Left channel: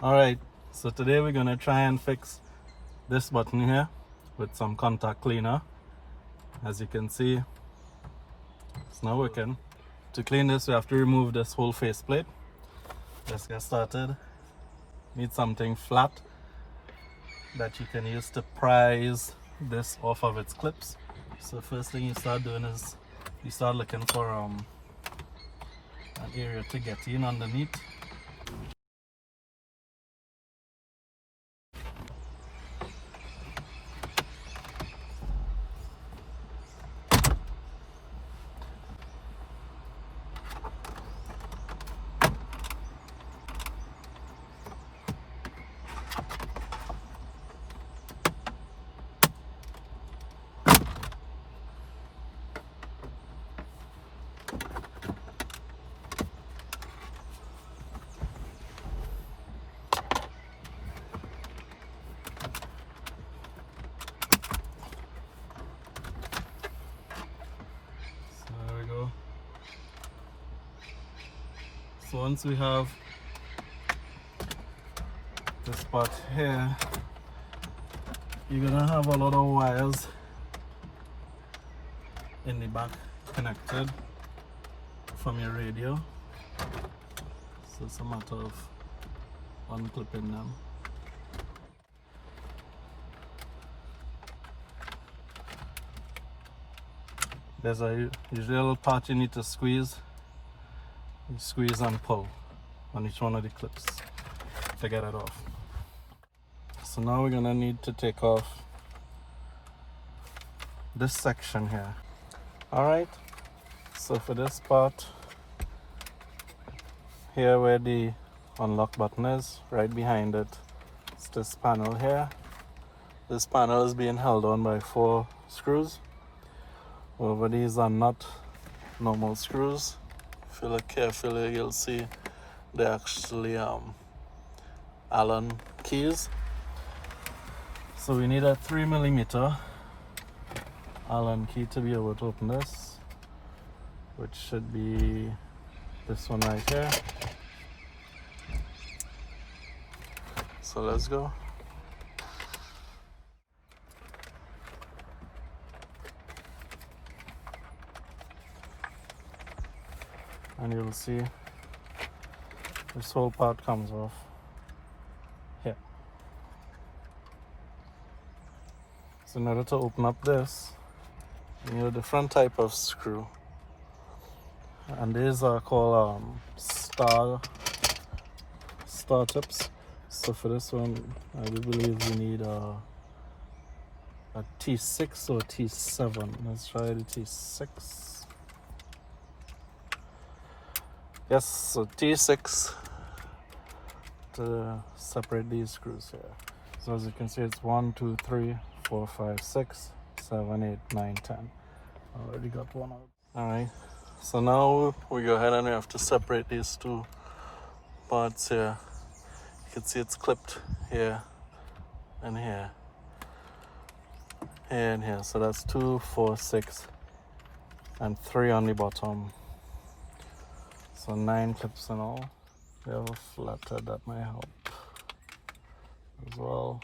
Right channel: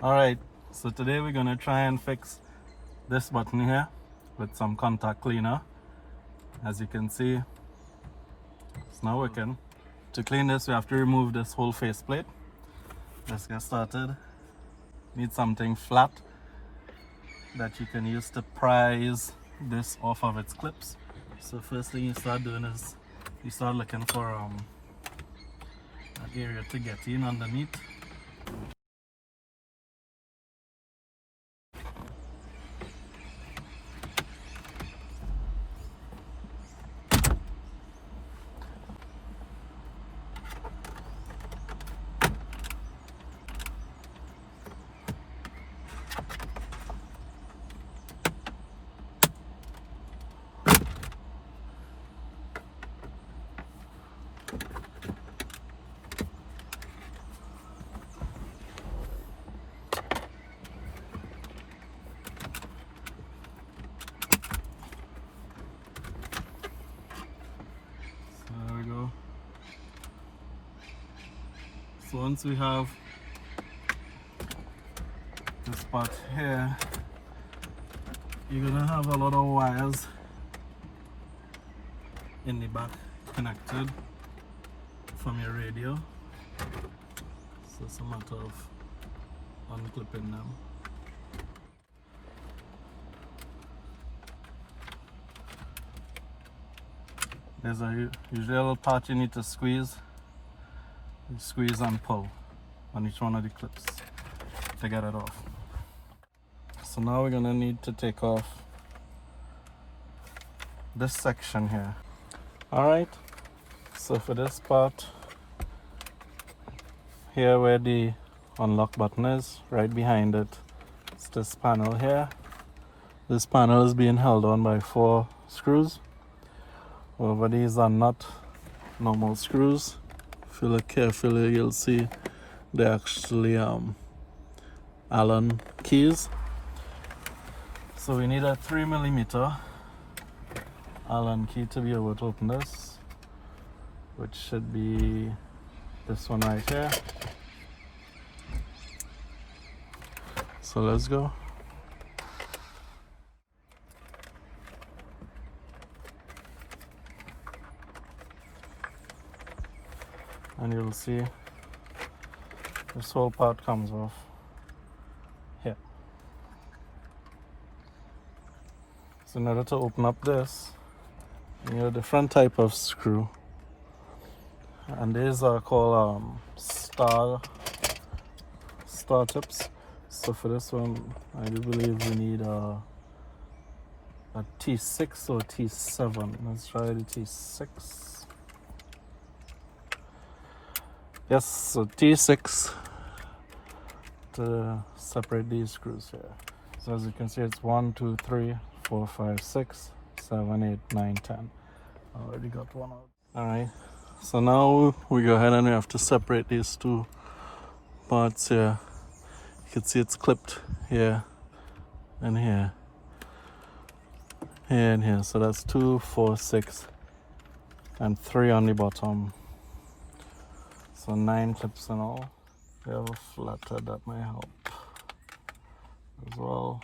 Alright, so today we're gonna try and fix this button here with some contact cleaner. As you can see, it's not working. To clean this, we have to remove this whole faceplate. Let's get started. Need something flat that you can use to prise this off of its clips. So first thing you start doing is you start looking for an area to get in underneath. There we go. So once we have this part here, you're gonna have a lot of wires in the back connected from your radio. So it's a matter of unclipping them. There's usually a little part you need to squeeze. You squeeze and pull on each one of the clips to get it off. So now we're gonna need to take off this section here. Alright, so for this part here where the unlock button is, right behind it, it's this panel here. This panel is being held on by 4 screws. Over these are not normal screws. If you look carefully, you'll see they're actually Allen keys. So we need a 3mm Allen key to be able to open this, which should be this one right here. So let's go. And you'll see this whole part comes off here. So in order to open up this, you need a different type of screw, and these are called star tips. So for this one, I do believe we need a T6 or T7. Let's try the T6. Yes, so T6 to separate these screws here. So as you can see, it's 1, 2, 3, 4, 5, 6, 7, 8, 9, 10. Already got one out. Alright, so now we go ahead and we have to separate these two parts here. You can see it's clipped here and here. Here and here. So that's 2, 4, 6, and 3 on the bottom. So 9 clips in all. They're all flattered, that may help as well.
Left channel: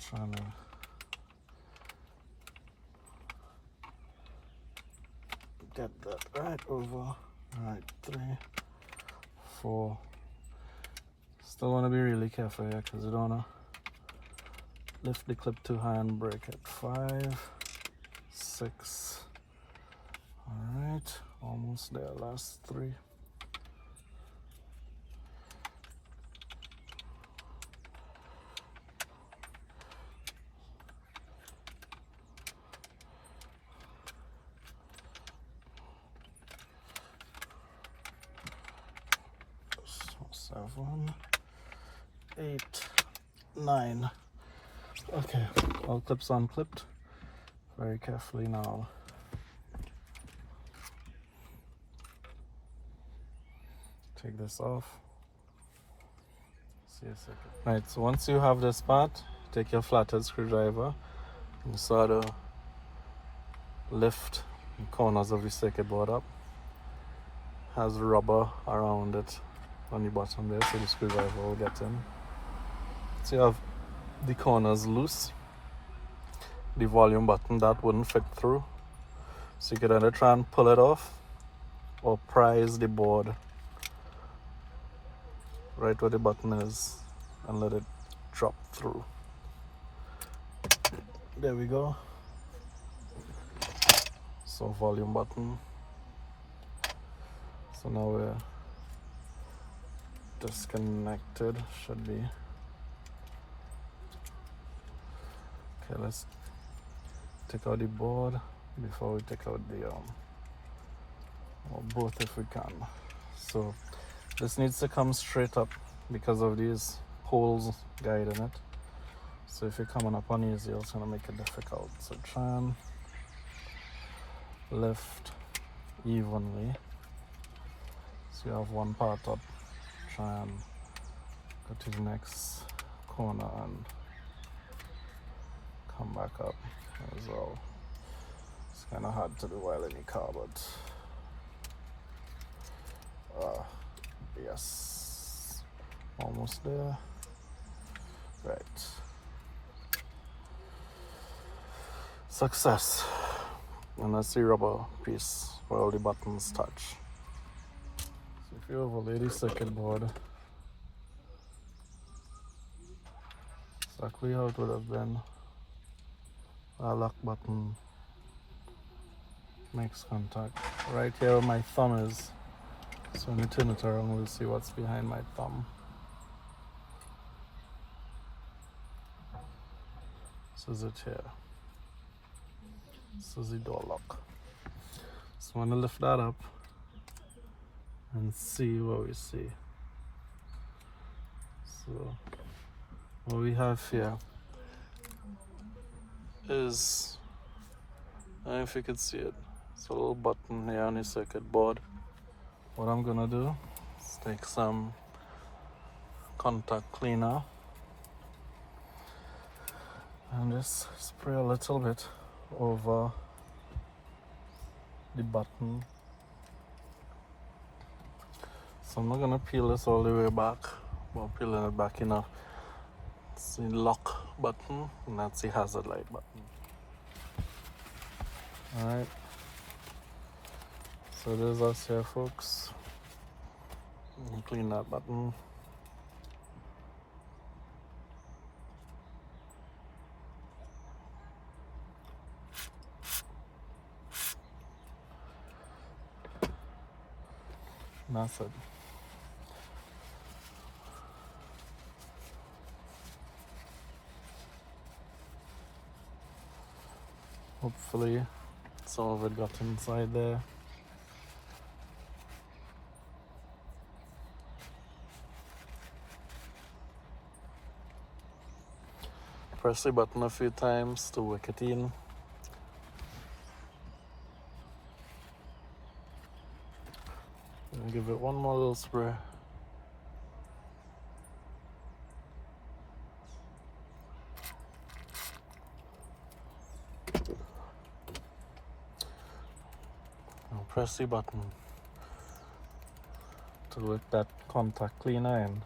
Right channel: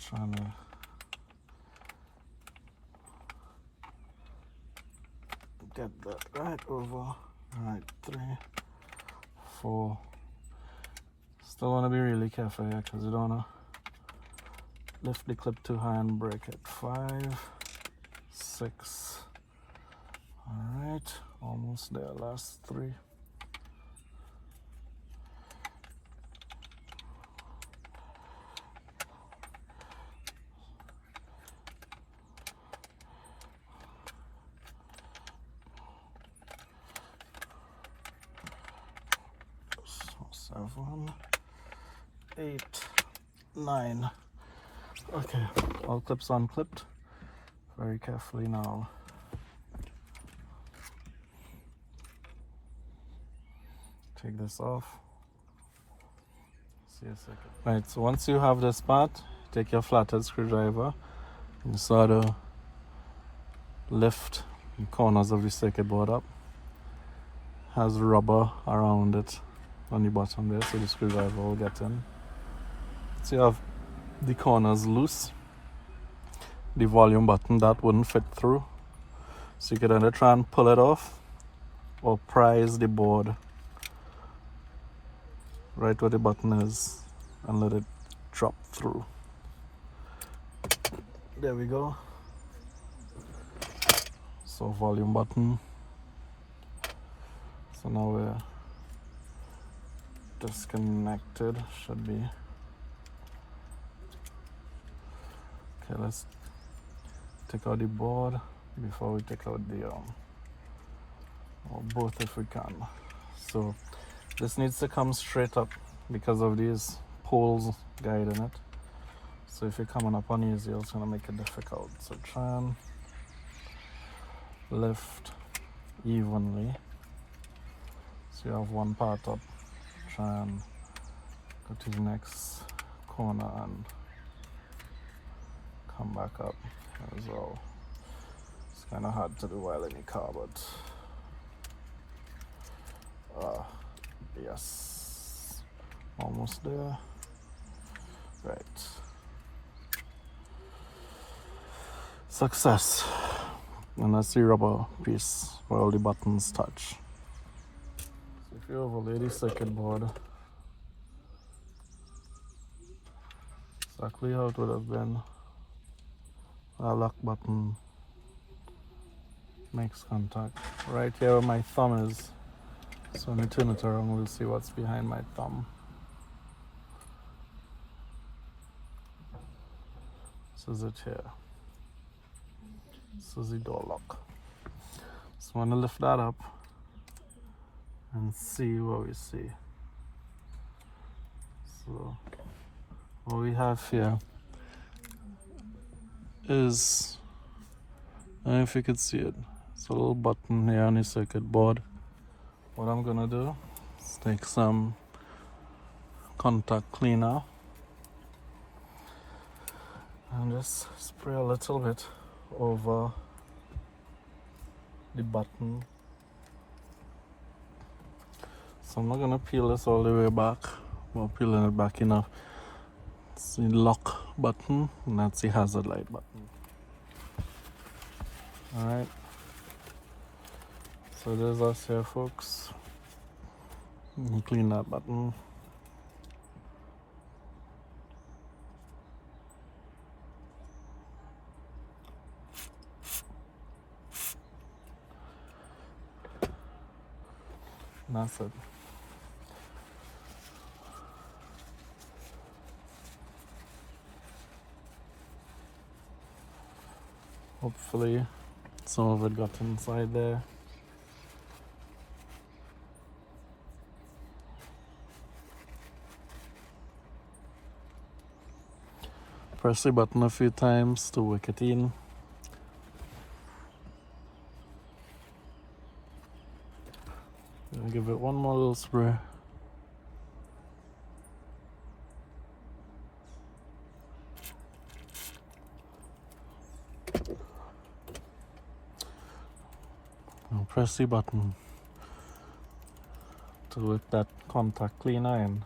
Trying to get that right over. Alright, 3, 4. Still want to be really careful here because you don't want to lift the clip too high and break it. 5, 6. Alright, almost there. Last 3. So 7, 8, 9. Okay, all clips unclipped. Very carefully now. Take this off. See a second. Right, so once you have this part, take your flathead screwdriver and sort of lift the corners of your circuit board up has rubber around it on the bottom there, so the screwdriver will get in. So you have the corners loose. The volume button that wouldn't fit through, so you could either try and pull it off or prise the board right where the button is and let it drop through. There we go. So volume button. So now we're disconnected, should be. Okay, let's take out the board before we take out the or both if we can. So this needs to come straight up because of these poles guiding it. So if you're coming up uneasy, it's gonna make it difficult. So try and lift evenly. So you have one part up. Try and go to the next corner and come back up as well. It's kind of hard to do while in the car, but yes, almost there. Right. Success. And that's the rubber piece where all the buttons touch. So if you overlay the circuit board exactly how it would have been, our lock button makes contact right here where my thumb is. So when we turn it around, we'll see what's behind my thumb. This is it here. This is the door lock. So I'm gonna lift that up and see what we see. So what we have here is, I don't know if you could see it, it's a little button here on the circuit board. What I'm gonna do is take some contact cleaner and just spray a little bit over the button. So I'm not gonna peel this all the way back. I'm peeling it back enough. It's the lock button and that's the hazard light button. Alright. So there's us here, folks. You clean that button. And that's it. Hopefully some of it got inside there. Press the button a few times to work it in. And give it one more little spray. And press the button to work that contact cleaner in.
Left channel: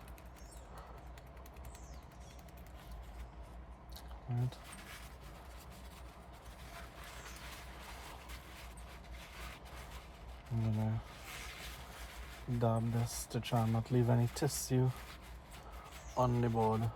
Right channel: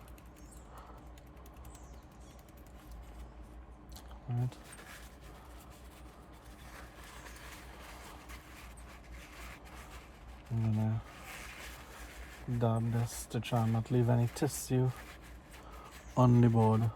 Right. I'm gonna dab this to try and not leave any tissue on the board.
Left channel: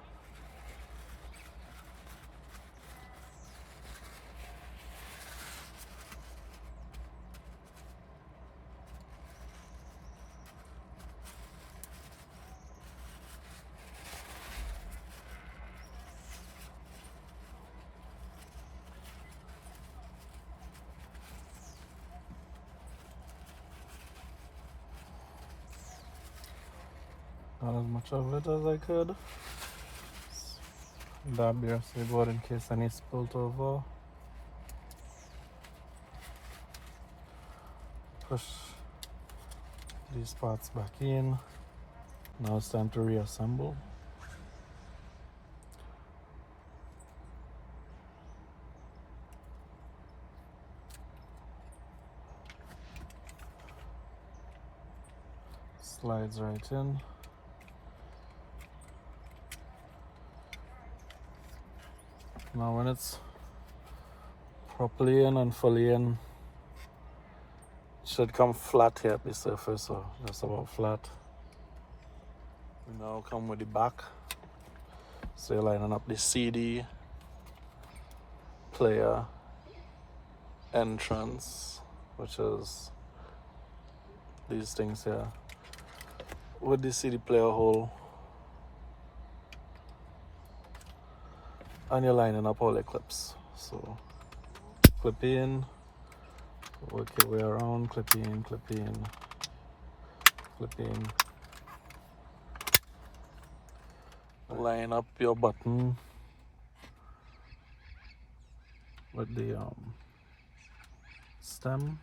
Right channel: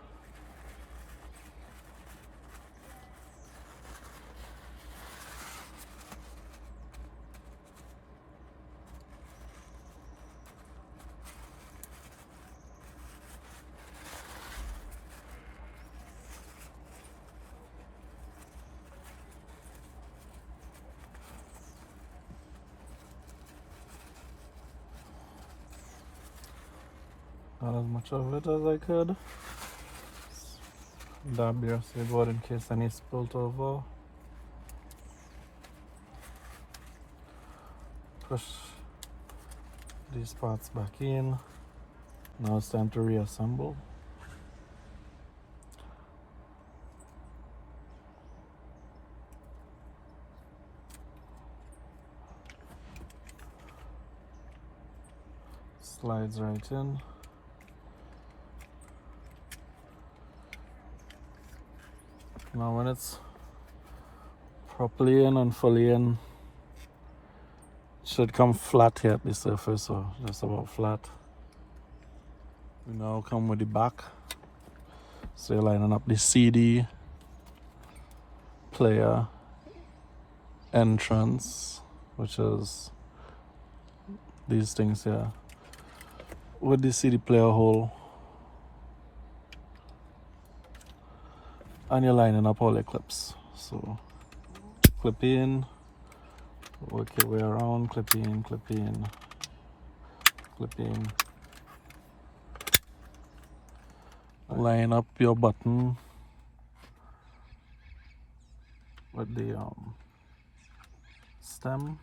Not as much of it as I could. Dab the rest of the board in case any spilt over. Push these parts back in. Now it's time to reassemble. Slides right in. Now when it's properly in and fully in, it should come flat here at the surface, so just about flat. You now come with the back. So you're lining up the CD, player, entrance, which is these things here, with the CD player hole, and you're lining up all the clips. So clip in, work your way around, clip in, clip in, clip in. Line up your button with the stem.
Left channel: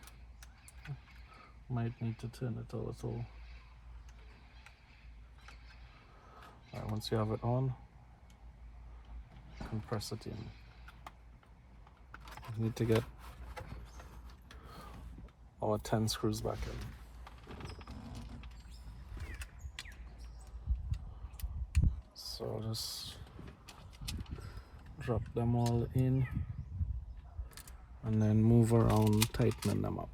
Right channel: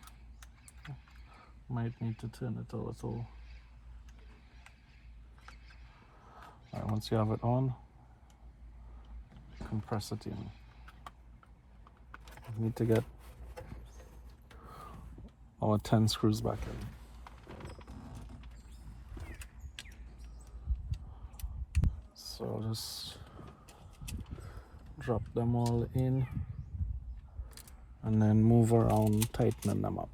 Might need to turn it a little. Right, once you have it on, you can press it in. We need to get our 10 screws back in. So I'll just drop them all in and then move around, tightening them up.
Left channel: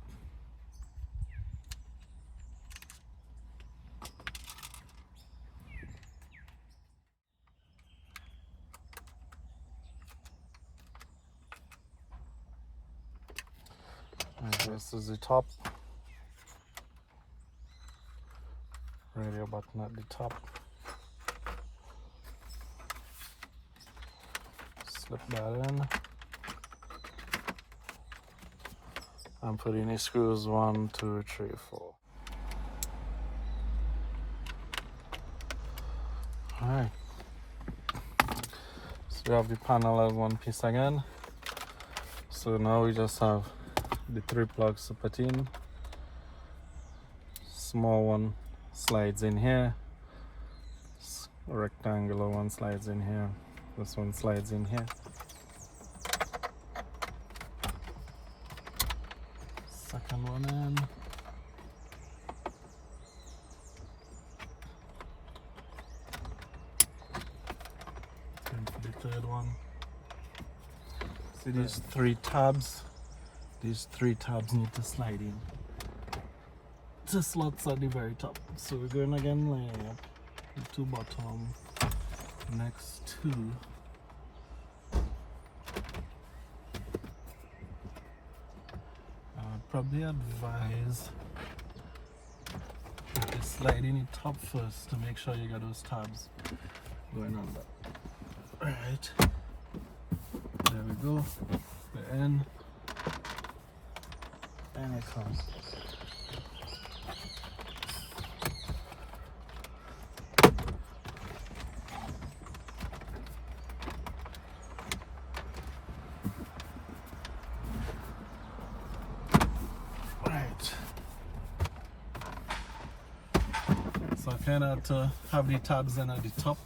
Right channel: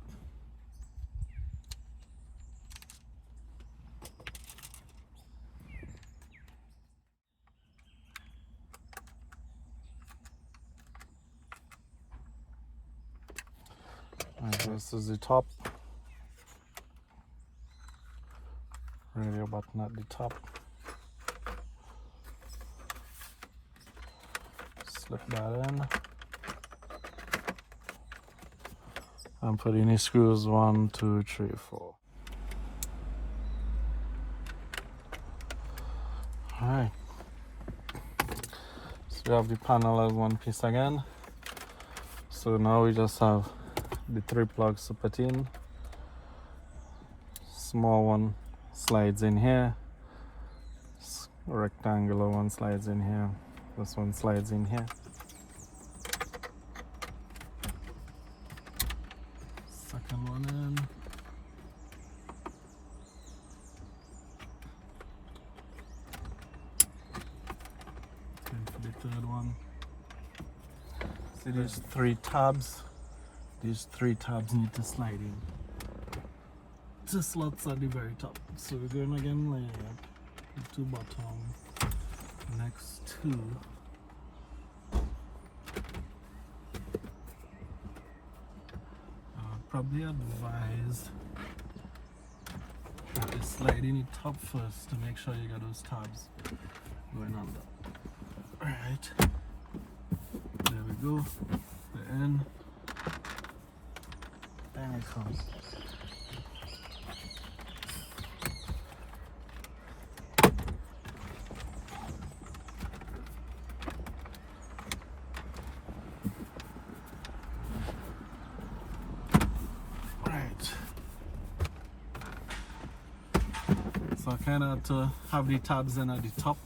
And this is the top. Radio button at the top. Slip that in. And put in the screws 1, 2, 3, 4. Alright. So we have the panel as one piece again. So now we just have the 3 plugs to put in. Small one slides in here. Rectangular one slides in here. This one slides in here. Second one in. And for the third one. See these 3 tabs? These 3 tabs need to slide in. The slots at the very top. So we're going again like the 2 bottom. Next 2. Probably advise to slide in the top first to make sure you got those tabs going on there. Alright, there we go, the end, and it comes. So I kind of had to have the tabs in at the top,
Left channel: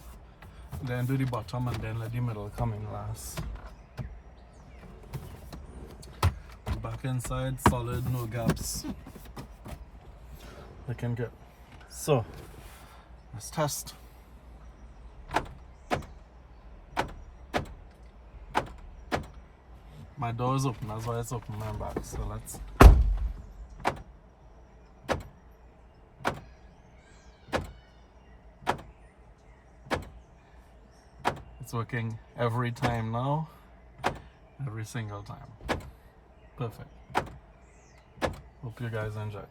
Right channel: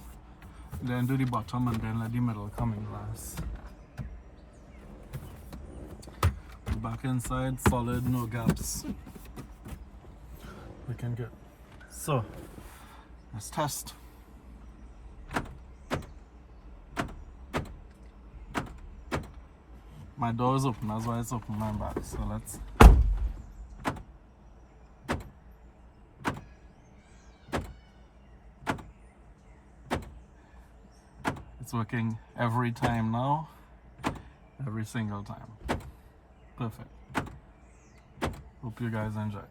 then do the bottom, and then let the middle come in last. The back inside, solid, no gaps. Looking good. So, let's test. My door is open, that's why it's open my back. So let's. It's working every time now, every single time. Perfect. Hope you guys enjoy.